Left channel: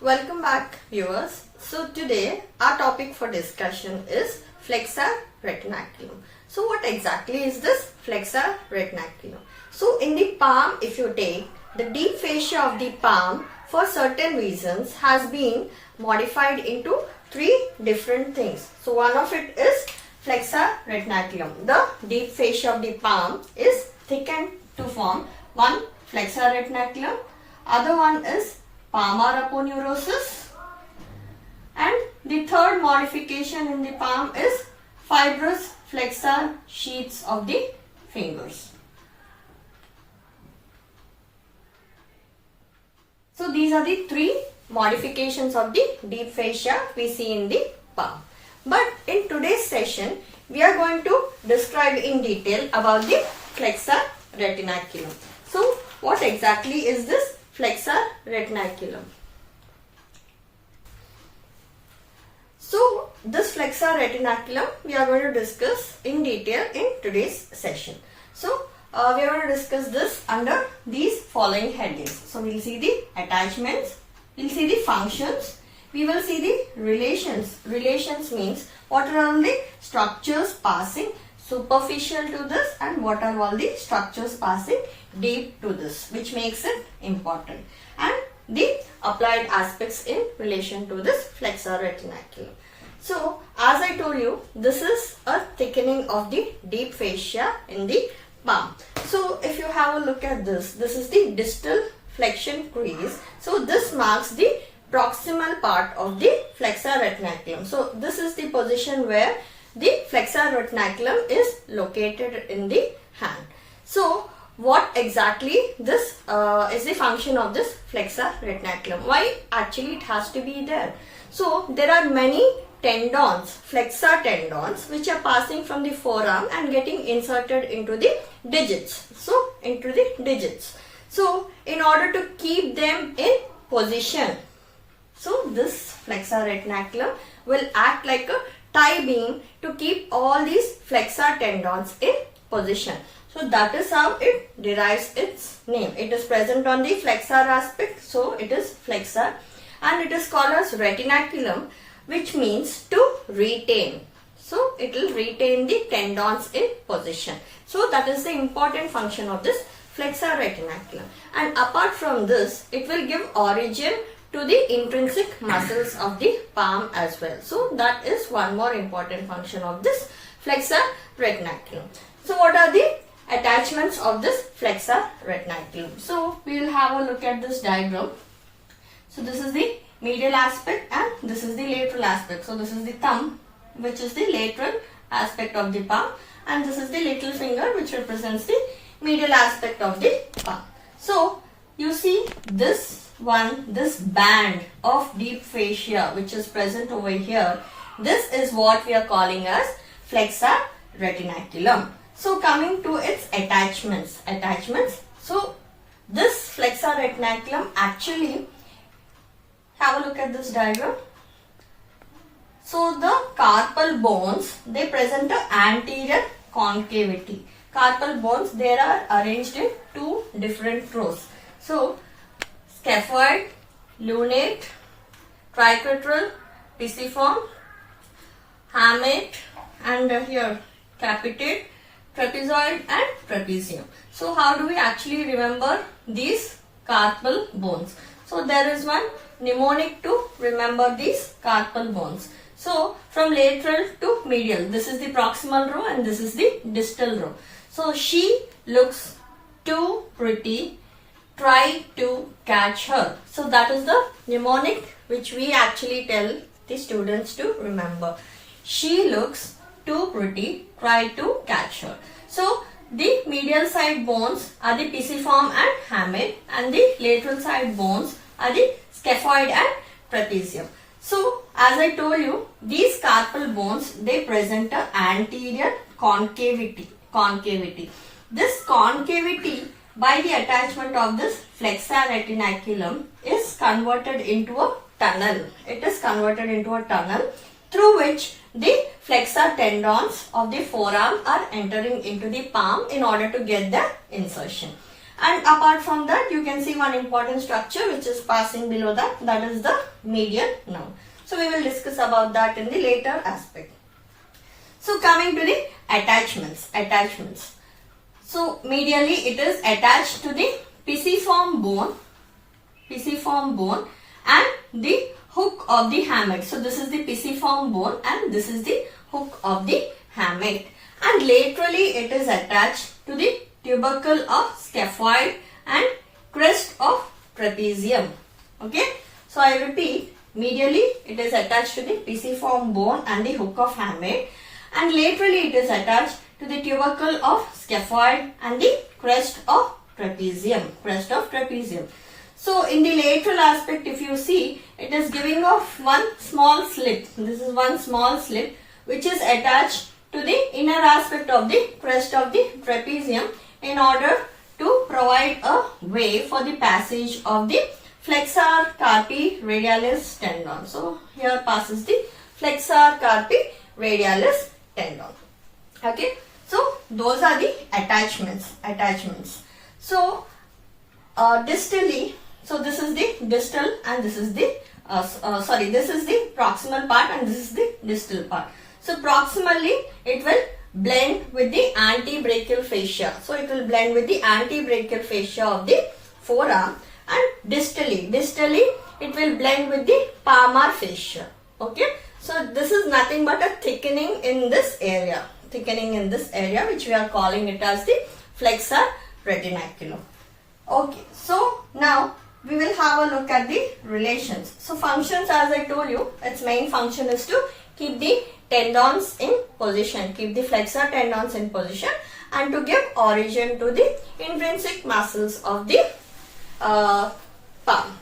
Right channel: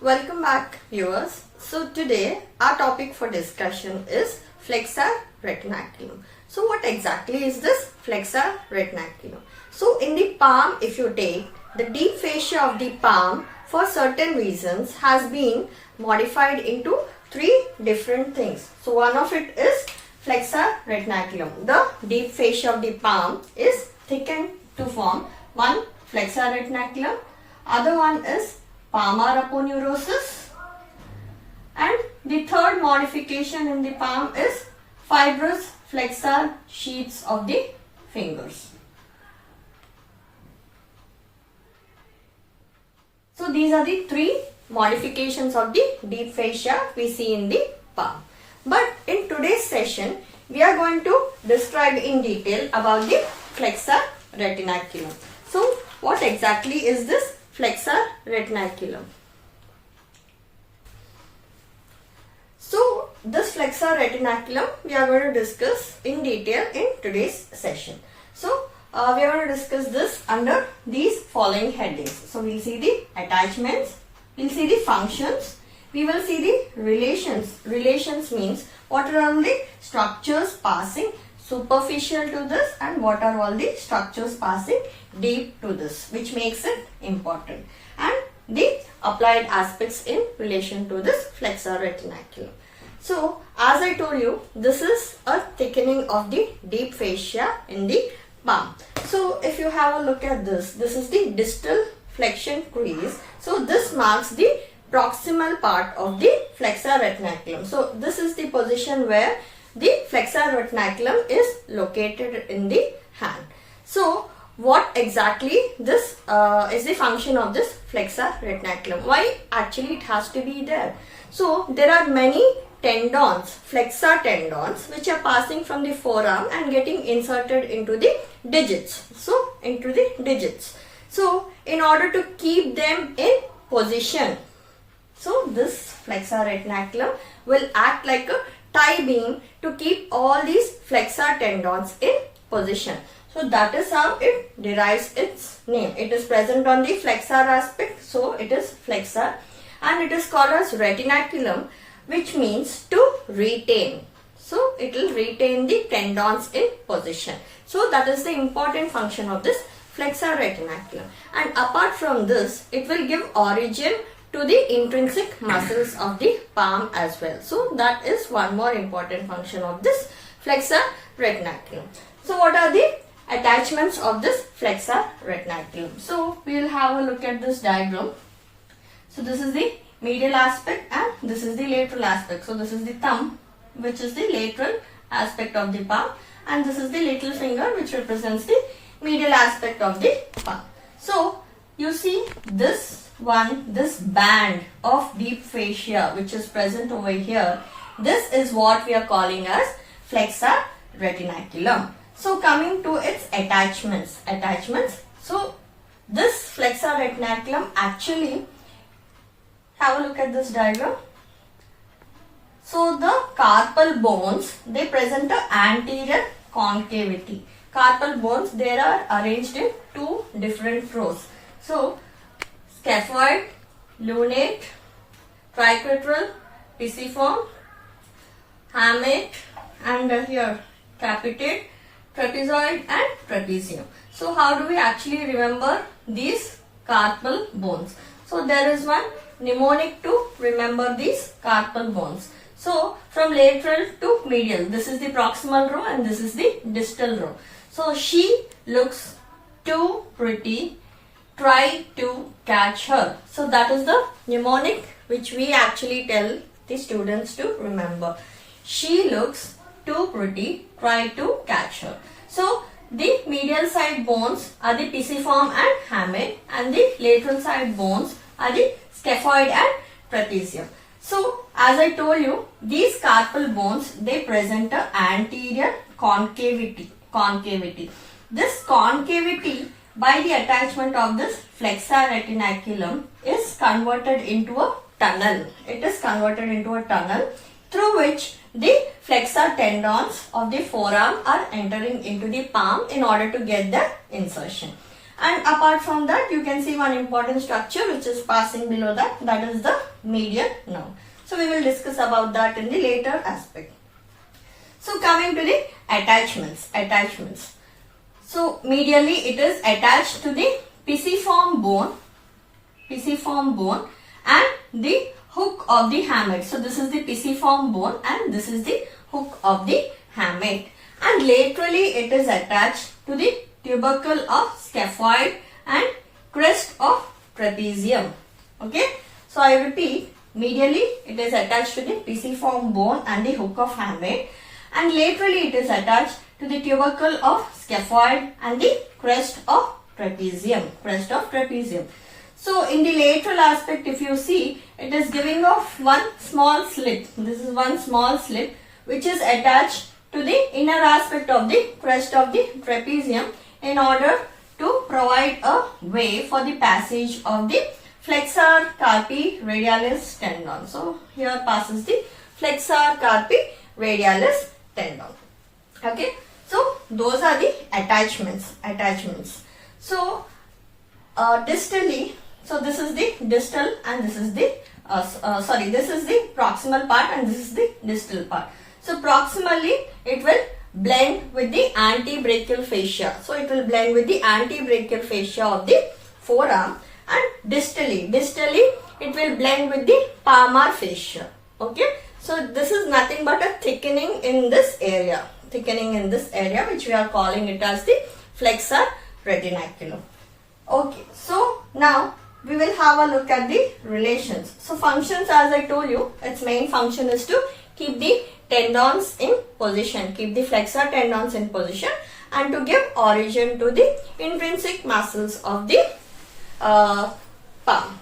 Welcome back, viewers. So today our topic for discussion is flexor retinaculum. So what exactly is this flexor retinaculum? So in the palm, if you take the deep fascia of the palm, for certain reasons has been modified into three different things. So one of it is flexor retinaculum. The deep fascia of the palm is thickened to form one flexor retinaculum. Other one is palmar aponeurosis, and the third modification in the palm is fibrous flexor sheaths of the fingers. So these are the three modifications of the deep fascia we see in the palm. But in today's session we are going to describe in detail about the flexor retinaculum. So what exactly is this flexor retinaculum? So this flexor retinaculum we are going to discuss in detail in today's session. So we are going to discuss this under these following headings. So we will see the attachments, we will see the functions, we will see the relations. Relations means what are all the structures passing superficial to this and what are all the structures passing deep to this, which makes it important, and the applied aspects in relation to this flexor retinaculum. So as I told you, this is a thickening of the deep fascia in the palm. So if you have a look at this is the distal flexion crease. So this marks the proximal part of the flexor retinaculum. So this is the position where the flexor retinaculum is located in the hand. So what exactly this is the function of this flexor retinaculum? Why actually it has to be there? So there are many tendons, flexor tendons, which are passing from the forearm and getting inserted into the digits. So into the digits. So in order to keep them in position, so this flexor retinaculum will act like a tie beam to keep all these flexor tendons in position. So that is how it derives its name. It is present on the flexor aspect, so it is flexor, and it is called as retinaculum, which means to retain. So it will retain the tendons in position. So that is the important function of this flexor retinaculum. And apart from this, it will give origin to the intrinsic muscles of the palm as well. So that is one more important function of this flexor retinaculum. So what are the attachments of this flexor retinaculum? So we will have a look at this diagram. So this is the medial aspect and this is the lateral aspect. So this is the thumb, which is the lateral aspect of the palm, and this is the little finger, which represents the medial aspect of the palm. So you see this band of deep fascia which is present over here, this is what we are calling as flexor retinaculum. So coming to its attachments. So this flexor retinaculum, actually, have a look at this diagram. So the carpal bones, they present an anterior concavity. Carpal bones, they are arranged in two different rows. So scaphoid, lunate, triquetral, pisiform, hamate, and here capitate, trapezoid and trapezium. So how do we actually remember these carpal bones? So there is one mnemonic to remember these carpal bones. So from lateral to medial, this is the proximal row and this is the distal row. So she looks too pretty, try to catch her. So that is the mnemonic which we actually tell the students to remember. She looks too pretty, try to catch her. So the medial side bones are the pisiform and hamate, and the lateral side bones are the scaphoid and trapezium. So as I told you, these carpal bones, they present an anterior concavity. This concavity, by the attachment of this flexor retinaculum, is converted into a tunnel. It is converted into a tunnel through which the flexor tendons of the forearm are entering into the palm in order to get the insertion. And apart from that, you can see one important structure which is passing below that, that is the median nerve. So we will discuss about that in the later aspect. So coming to the attachments. So medially it is attached to the pisiform bone and the hook of the hamate. So this is the pisiform bone and this is the hook of the hamate. And laterally it is attached to the tubercle of scaphoid and crest of trapezium. Okay. So I repeat, medially it is attached to the pisiform bone and the hook of hamate, and laterally it is attached to the tubercle of scaphoid and the crest of trapezium. So in the lateral aspect, if you see, it is giving off one small slit. This is one small slit which is attached to the inner aspect of the crest of the trapezium in order to provide a way for the passage of the flexor carpi radialis tendon. So here passes the flexor carpi radialis tendon. Okay. So those are the attachments. So distally, so this is the distal and this is the this is the proximal part and this is the distal part. So proximally it will blend with the antebrachial fascia. So it will blend with the antebrachial fascia of the forearm, and distally it will blend with the palmar fascia. Okay. So this is nothing but a thickening in this area which we are calling it as the flexor retinaculum. Okay. So now we will have a look at the relations. So functions, as I told you, its main function is to keep the tendons in position, keep the flexor tendons in position, and to give origin to the intrinsic muscles of the palm.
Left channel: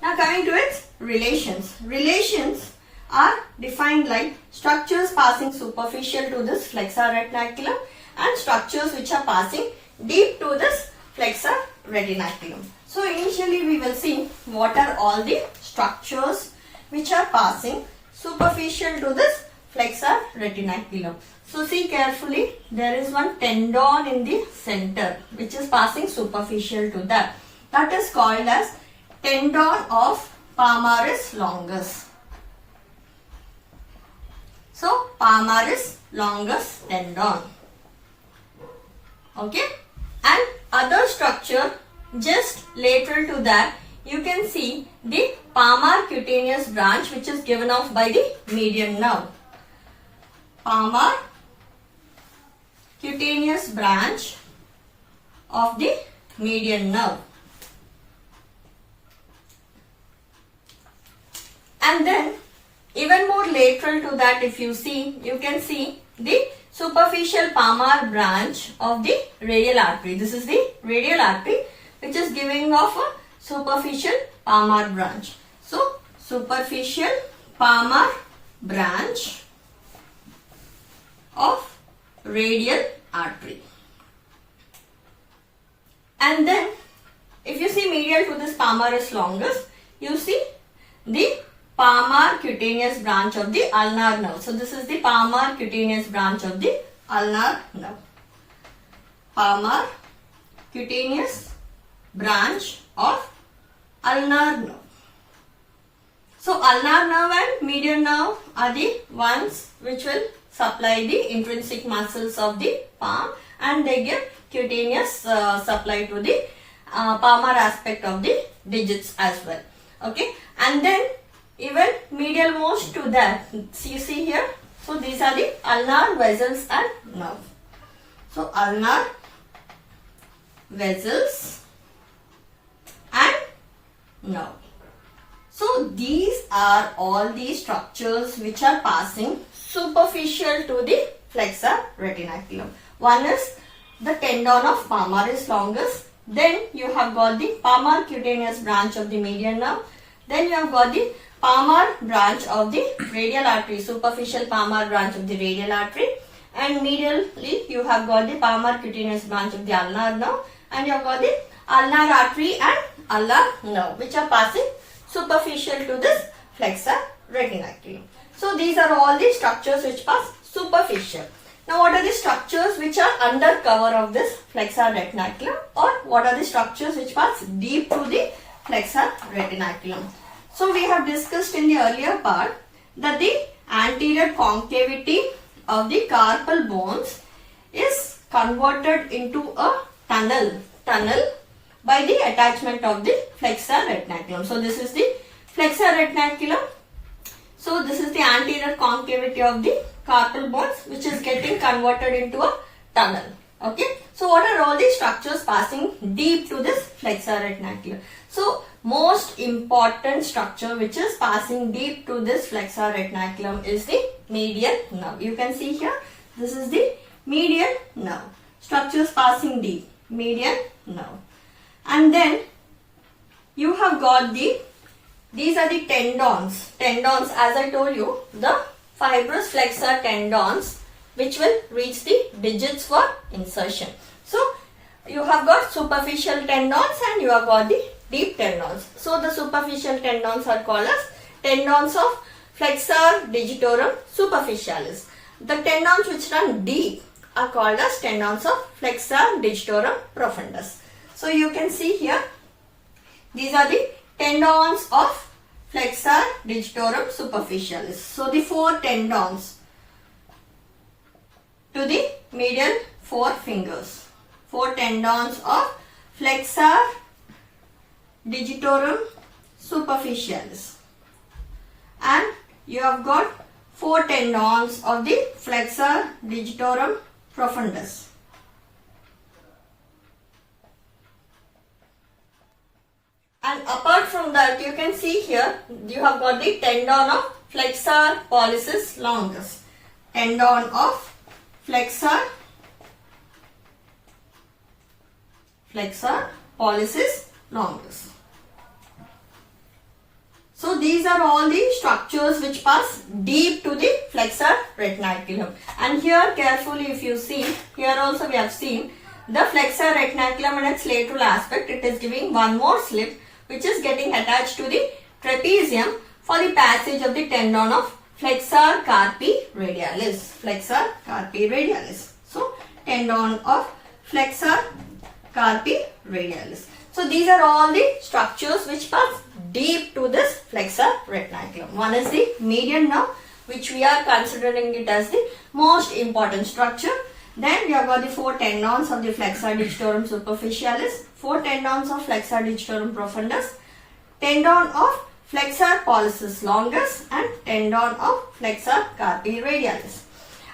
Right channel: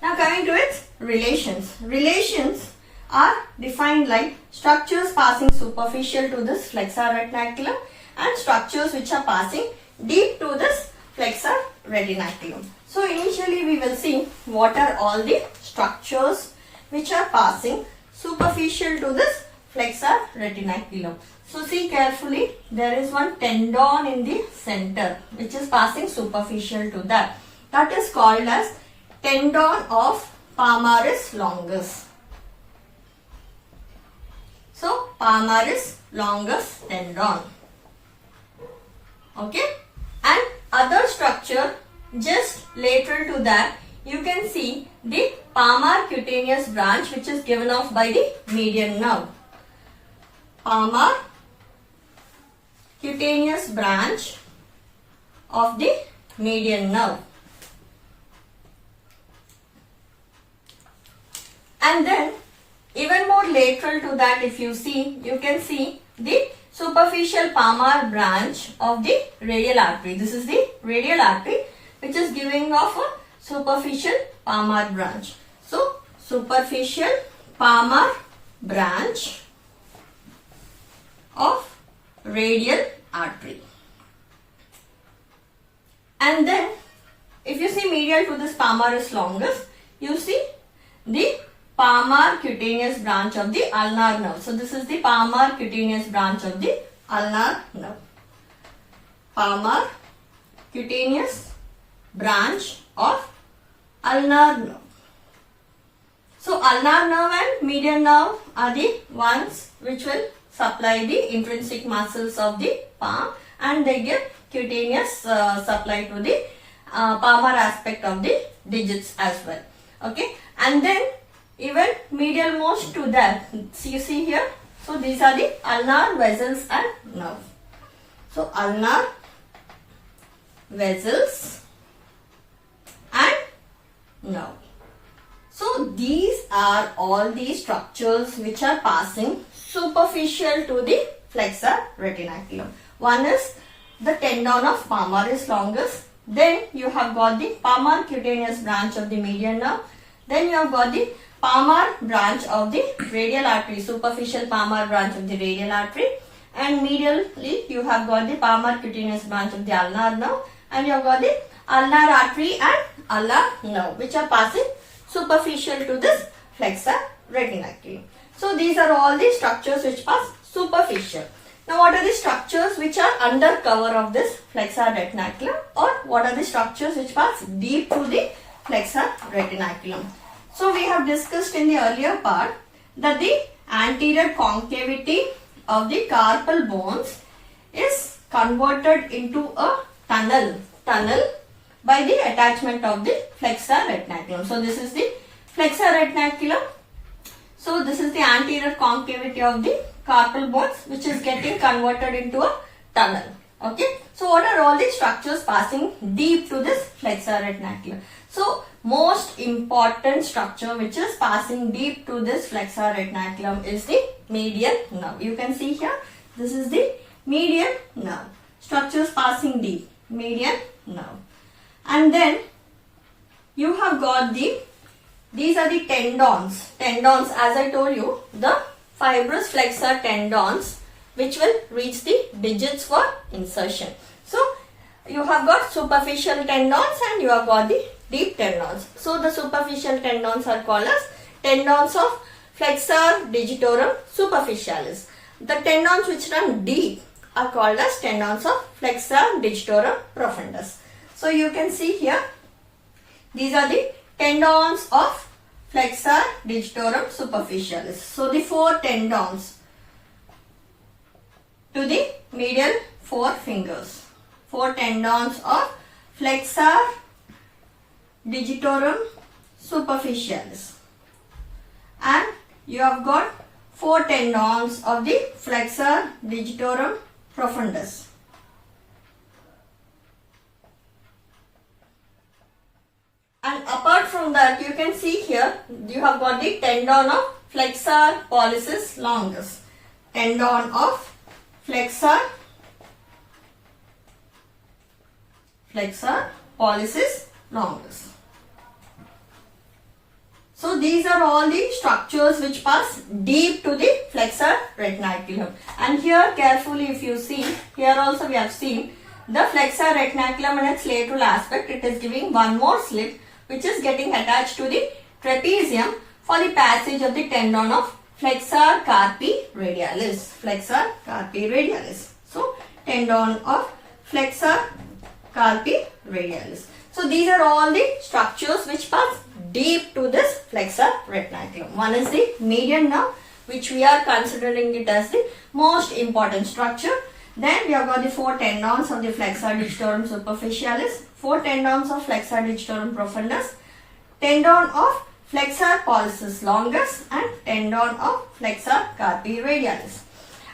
Now coming to its relations. Relations are defined like structures passing superficial to this flexor retinaculum and structures which are passing deep to this flexor retinaculum. So initially we will see what are all the structures which are passing superficial to this flexor retinaculum. So see carefully, there is one tendon in the center which is passing superficial to that. That is called as tendon of palmaris longus. So palmaris longus tendon. Okay. And other structure just lateral to that, you can see the palmar cutaneous branch which is given off by the median nerve. Palmar cutaneous branch of the median nerve. And then even more lateral to that, if you see, you can see the superficial palmar branch of the radial artery. This is the radial artery which is giving off a superficial palmar branch. So superficial palmar branch of radial artery. And then if you see medial to this palmaris longus, you see the palmar cutaneous branch of the ulnar nerve. So this is the palmar cutaneous branch of the ulnar nerve. Palmar cutaneous branch of ulnar nerve. So ulnar nerve and median nerve are the ones which will supply the intrinsic muscles of the palm, and they give cutaneous supply to the palmar aspect of the digits as well. Okay. And then even medial most to that, so you see here, so these are the ulnar vessels and nerve. So ulnar vessels and nerve. So these are all the structures which are passing superficial to the flexor retinaculum. One is the tendon of palmaris longus, then you have got the palmar cutaneous branch of the median nerve, then you have got the palmar branch of the radial artery, superficial palmar branch of the radial artery, and medially you have got the palmar cutaneous branch of the ulnar nerve, and you have got the ulnar artery and ulnar nerve which are passing superficial to this flexor retinaculum. So these are all the structures which pass superficial. Now what are the structures which are under cover of this flexor retinaculum, or what are the structures which pass deep to the flexor retinaculum? So we have discussed in the earlier part that the anterior concavity of the carpal bones is converted into a tunnel by the attachment of the flexor retinaculum. So this is the flexor retinaculum. So this is the anterior concavity of the carpal bones which is getting converted into a tunnel. Okay. So what are all the structures passing deep to this flexor retinaculum? So most important structure which is passing deep to this flexor retinaculum is the median nerve. You can see here, this is the median nerve. Structures passing deep, median nerve. And then you have got these are the tendons. Tendons, as I told you, the fibrous flexor tendons which will reach the digits for insertion. So you have got superficial tendons and you have got the deep tendons. So the superficial tendons are called as tendons of flexor digitorum superficialis. The tendons which run deep are called as tendons of flexor digitorum profundus. So you can see here, these are the tendons of flexor digitorum superficialis. So the four tendons to the medial four fingers. Four tendons of flexor digitorum superficialis. And you have got four tendons of the flexor digitorum profundus. And apart from that, you can see here, you have got the tendon of flexor pollicis longus. Tendon of flexor pollicis longus. So these are all the structures which pass deep to the flexor retinaculum. And here carefully if you see, here also we have seen the flexor retinaculum and its lateral aspect, it is giving one more slip which is getting attached to the trapezium for the passage of the tendon of flexor carpi radialis. Flexor carpi radialis. So tendon of flexor carpi radialis. So these are all the structures which pass deep to this flexor retinaculum. One is the median nerve, which we are considering it as the most important structure. Then we have got the four tendons of the flexor digitorum superficialis, four tendons of flexor digitorum profundus, tendon of flexor pollicis longus and tendon of flexor carpi radialis.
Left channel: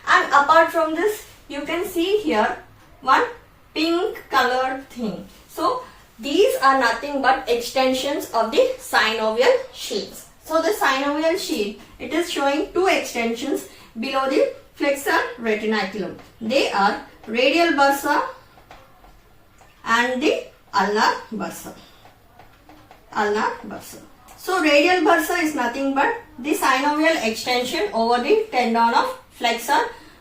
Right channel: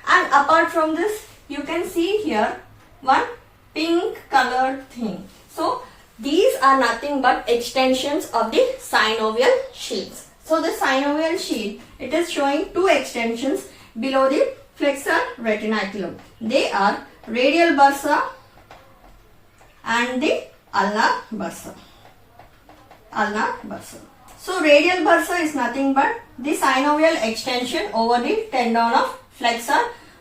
And apart from this, you can see here one pink colored thing. So these are nothing but extensions of the synovial sheaths. So the synovial sheath, it is showing two extensions below the flexor retinaculum. They are radial bursa and the ulnar bursa. Ulnar bursa. So radial bursa is nothing but the synovial extension over the tendon of flexor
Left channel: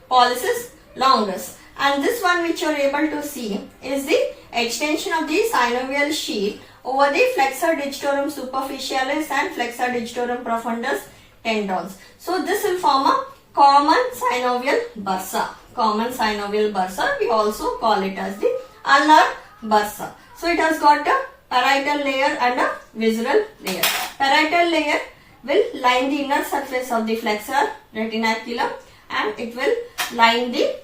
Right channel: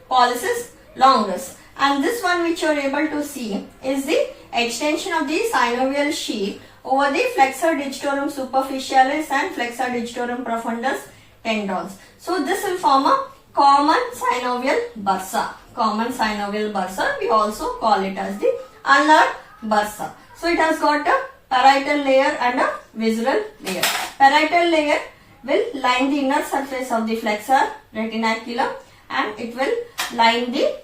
pollicis longus. And this one which you are able to see is the extension of the synovial sheath over the flexor digitorum superficialis and flexor digitorum profundus tendons. So this will form a common synovial bursa. Common synovial bursa, we also call it as the ulnar bursa. So it has got a parietal layer and a visceral layer. Parietal layer will line the inner surface of the flexor retinaculum and it will line the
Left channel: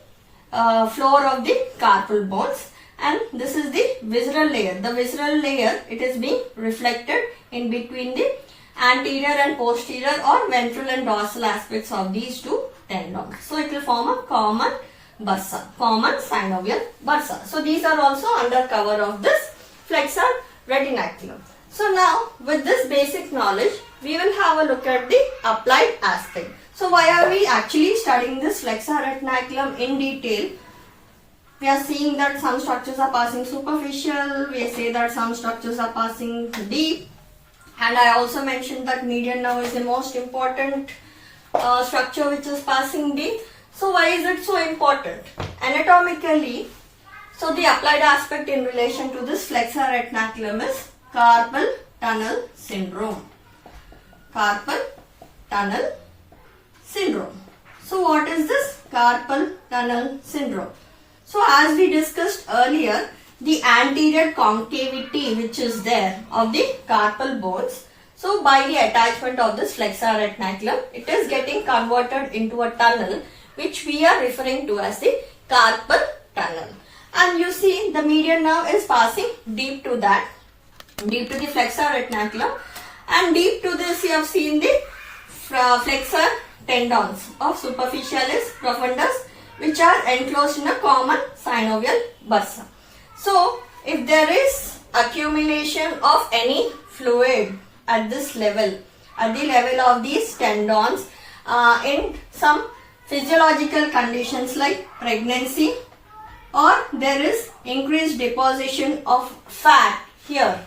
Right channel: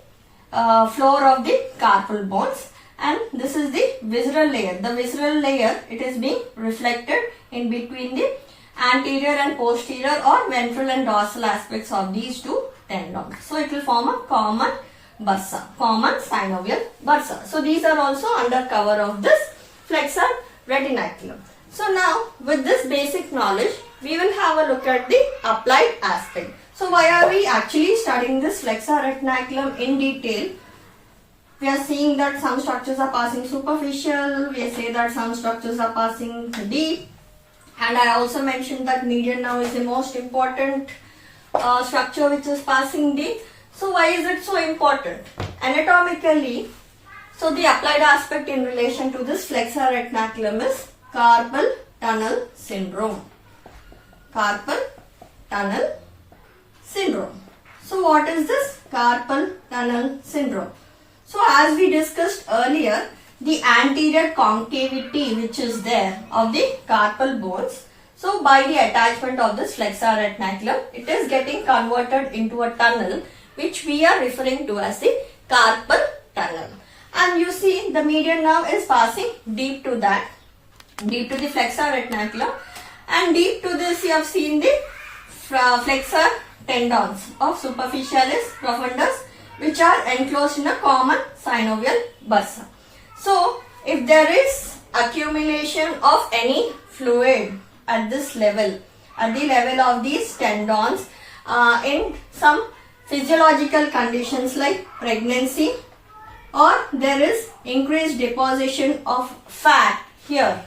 floor of the carpal bones, and this is the visceral layer. The visceral layer, it is being reflected in between the anterior and posterior or ventral and dorsal aspects of these two tendons. So it will form a common bursa, common synovial bursa. So these are also under cover of this flexor retinaculum. So now with this basic knowledge, we will have a look at the applied aspect. So why are we actually studying this flexor retinaculum in detail? We are seeing that some structures are passing superficial, we say that some structures are passing deep, and I also mentioned that median nerve is the most important structure which is passing deep. So why is it so important? Anatomically, so the applied aspect in relation to this flexor retinaculum is carpal tunnel syndrome. Carpal tunnel syndrome. So what is this carpal tunnel syndrome. So as we discussed earlier, the anterior concavity which is there of the carpal bones, so by the attachment of this flexor retinaculum, it is getting converted into a tunnel which we are referring to as the carpal tunnel. And you see the median nerve is passing deep to that, deep to the flexor retinaculum, and deep to this you have seen the flexor tendons of superficialis profundus which are enclosed in a common synovial bursa. So if there is accumulation of any fluid at this level, at the level of these tendons, in some physiological conditions like pregnancy, or there is increased deposition of fat here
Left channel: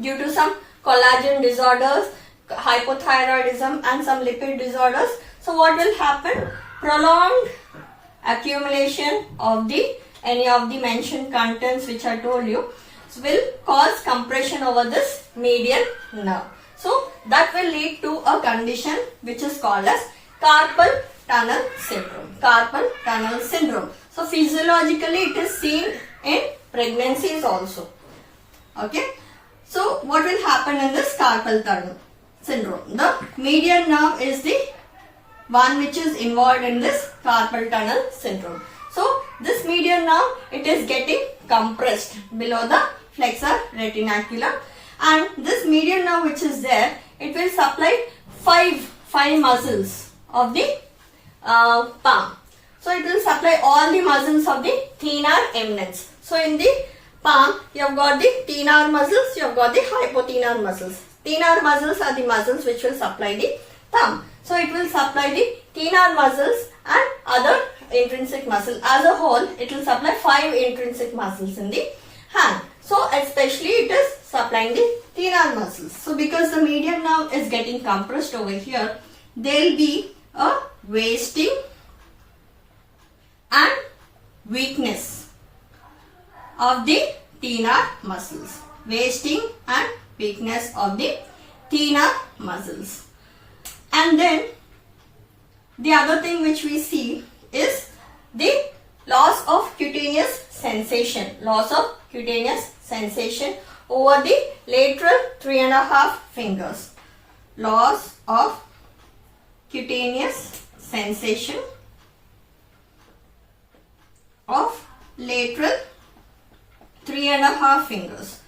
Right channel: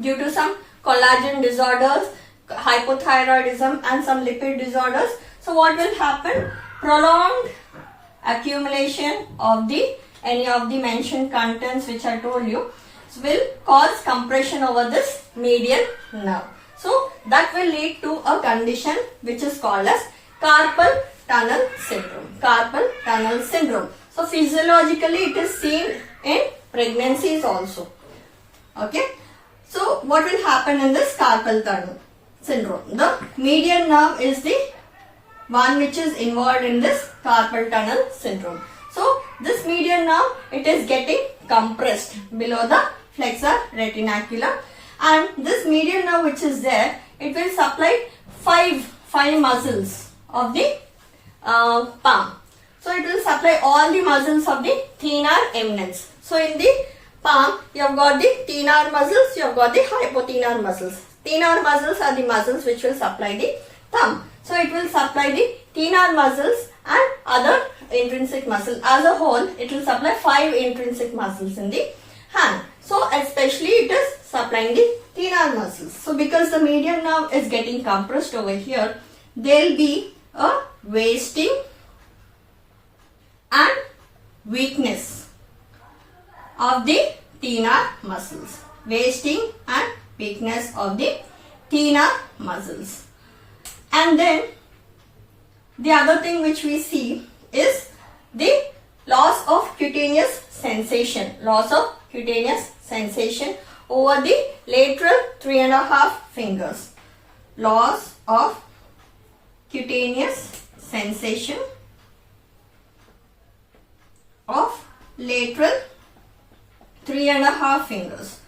due to some collagen disorders, hypothyroidism and some lipid disorders. So what will happen? Prolonged accumulation of any of the mentioned contents which I told you will cause compression over this median nerve. So that will lead to a condition which is called as carpal tunnel syndrome. Carpal tunnel syndrome. So physiologically it is seen in pregnancies also. Okay. So what will happen in this carpal tunnel syndrome? The median nerve is the one which is involved in this carpal tunnel syndrome. So this median nerve, it is getting compressed below the flexor retinaculum, and this median nerve which is there, it will supply five muscles of the palm. So it will supply all the muscles of the thenar eminence. So in the palm, you have got the thenar muscles, you have got the hypothenar muscles. Thenar muscles are the muscles which will supply the thumb. So it will supply the thenar muscles and other intrinsic muscle. As a whole, it will supply 5 intrinsic muscles in the hand. So especially it is supplying the thenar muscles. So because the median nerve is getting compressed over here, there will be a wasting and weakness of the thenar muscles. Wasting and weakness of the thenar muscles. And then the other thing which we see is the loss of cutaneous sensation. Loss of cutaneous sensation over the lateral 3.5 fingers. Loss of cutaneous sensation of lateral 3.5 fingers.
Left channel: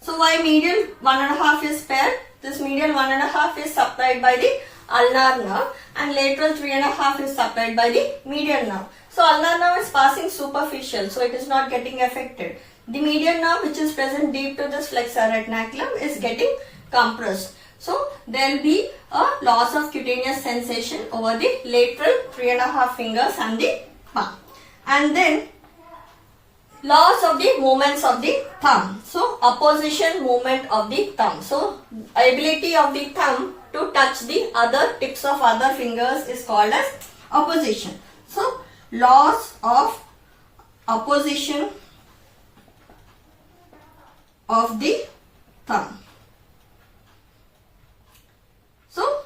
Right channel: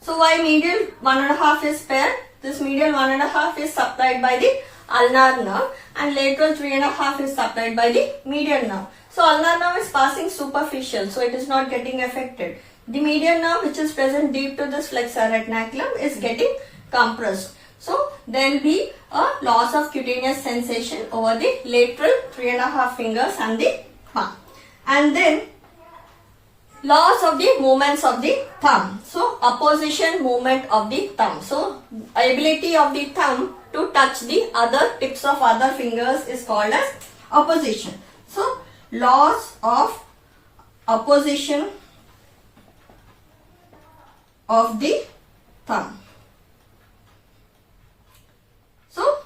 So why medial 1.5 is paired? This medial 1.5 is supplied by the ulnar nerve and lateral 3.5 is supplied by the median nerve. So ulnar nerve is passing superficial, so it is not getting affected. The median nerve which is present deep to this flexor retinaculum is getting compressed. So there will be a loss of cutaneous sensation over the lateral 3.5 fingers and the palm. And then loss of the movements of the thumb. So opposition movement of the thumb. So ability of the thumb to touch the other tips of other fingers is called as opposition. So loss of opposition of the thumb. So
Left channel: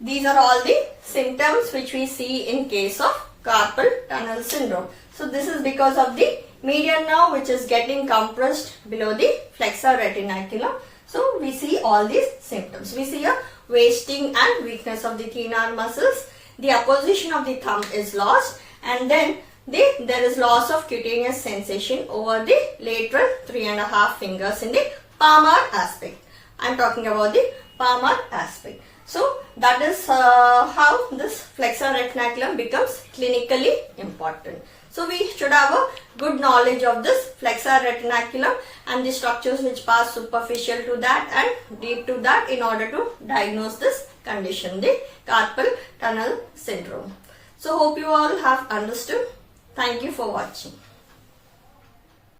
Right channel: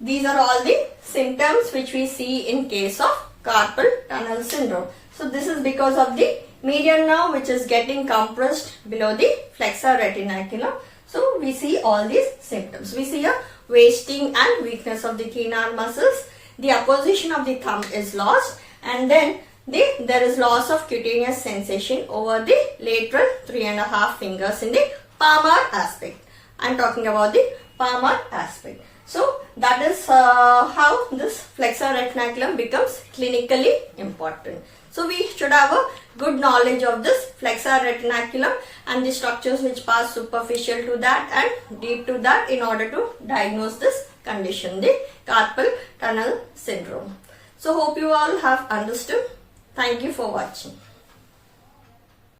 these are all the symptoms which we see in case of carpal tunnel syndrome. So this is because of the median nerve which is getting compressed below the flexor retinaculum. So we see all these symptoms. We see a wasting and weakness of the thenar muscles. The opposition of the thumb is lost, and then there is loss of cutaneous sensation over the lateral 3.5 fingers in the palmar aspect. I am talking about the palmar aspect. So that is how this flexor retinaculum becomes clinically important. So we should have a good knowledge of this flexor retinaculum and the structures which pass superficial to that and deep to that in order to diagnose this condition, the carpal tunnel syndrome. So hope you all have understood. Thank you for watching.